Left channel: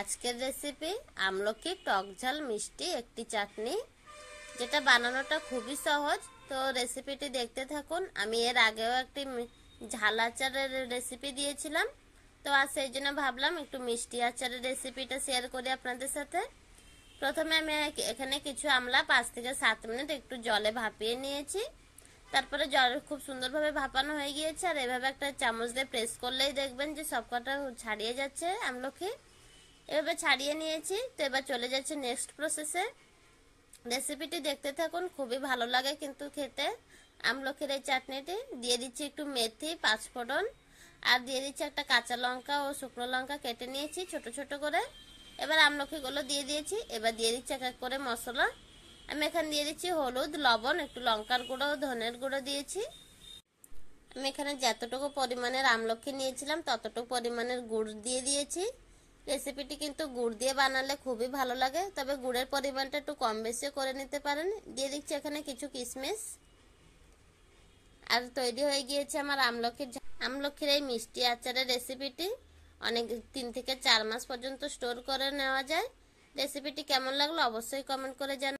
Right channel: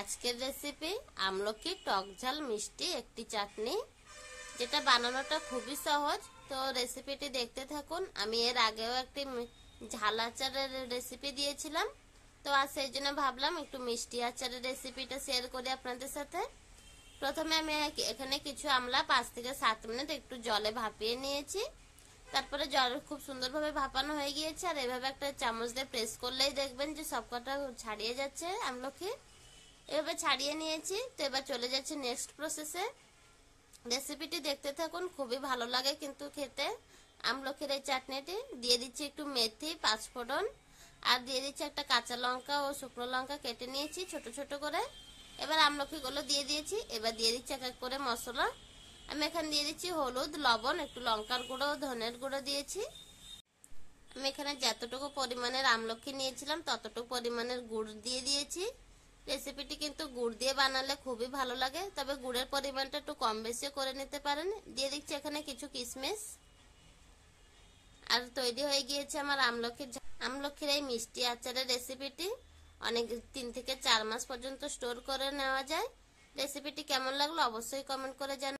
আজকের রেসিপি আমলকি টক ঝাল মিষ্টি একটি চাটনি, যেটা বানানোটা খুবই সহজ। তো রেসিপিটি দেখতে থাকুন। আমি এর আগেও একটি ঝাল আচারের রেসিপি দিয়েছিলাম, তো আর সেই জন্য ভাবলাম একটু মিষ্টি আচারের রেসিপিটা শেয়ার করি আপনাদের সাথে। প্রথমে আমি এখানে কিছু আমলা 5 থেকে 7 মিনিট একটু জলে ভাপিয়ে নিয়েছি। তারপরে জল খুব সুন্দরভাবে ভাপানো হয়ে গিয়েছে, আর এভাবে একটা চামচ দিয়ে প্রেস করলেই দেখবেন যে সবকটা ছাড়িয়ে যাচ্ছে আমলকি। এভাবে ছাড়িয়ে নিয়েছি। তো এবার চলে যাচ্ছে নেক্সট প্রসেসে। রেসিপিটি দেখতে থাকুন, খুবই ভালো লাগে কিন্তু খেতে আমলকির এই চাটনিটি। দিয়ে দিচ্ছি একটু মেথি, 5 ফোড়ন, আর দিয়ে দিচ্ছি একটা কাঁচা লঙ্কা ও শুকনো লঙ্কা কেটে নিয়েছি ছোট ছোট করে। এবার আমলকিগুলো দিয়ে দিয়েছি। এবার দিয়ে দিচ্ছি এক এক করে মশলা। আমি এখানে দিয়ে দিচ্ছি হলুদ, লবণ, একটু লঙ্কার গুঁড়ো ও ধনের গুঁড়ো দিয়েছি। আমি এখানে যতটুকু পরিমাণের আমলকি নিয়েছিলাম ততটুকু পরিমাণের গুড় দিয়ে দিয়েছি। রেসিপিটি কিন্তু গুড় দিয়ে বানালে খুবই ভালো লাগে, তবে গুড়ের পরিমাণটা একটু কম বেশি করে নিতে পারেন। দিয়ে দিচ্ছি এখানে কিছু কিশমিশ। আর তৈরি হয়ে গিয়েছে আমার আমলকির এই মিষ্টি আচারের রেসিপিটি। অনেক 3 থেকে 4 মাস পর্যন্ত স্টোর করে নেওয়া যায়। রেসিপিটি কেমন লাগলো অবশ্যই কমেন্ট করে জানাবেন।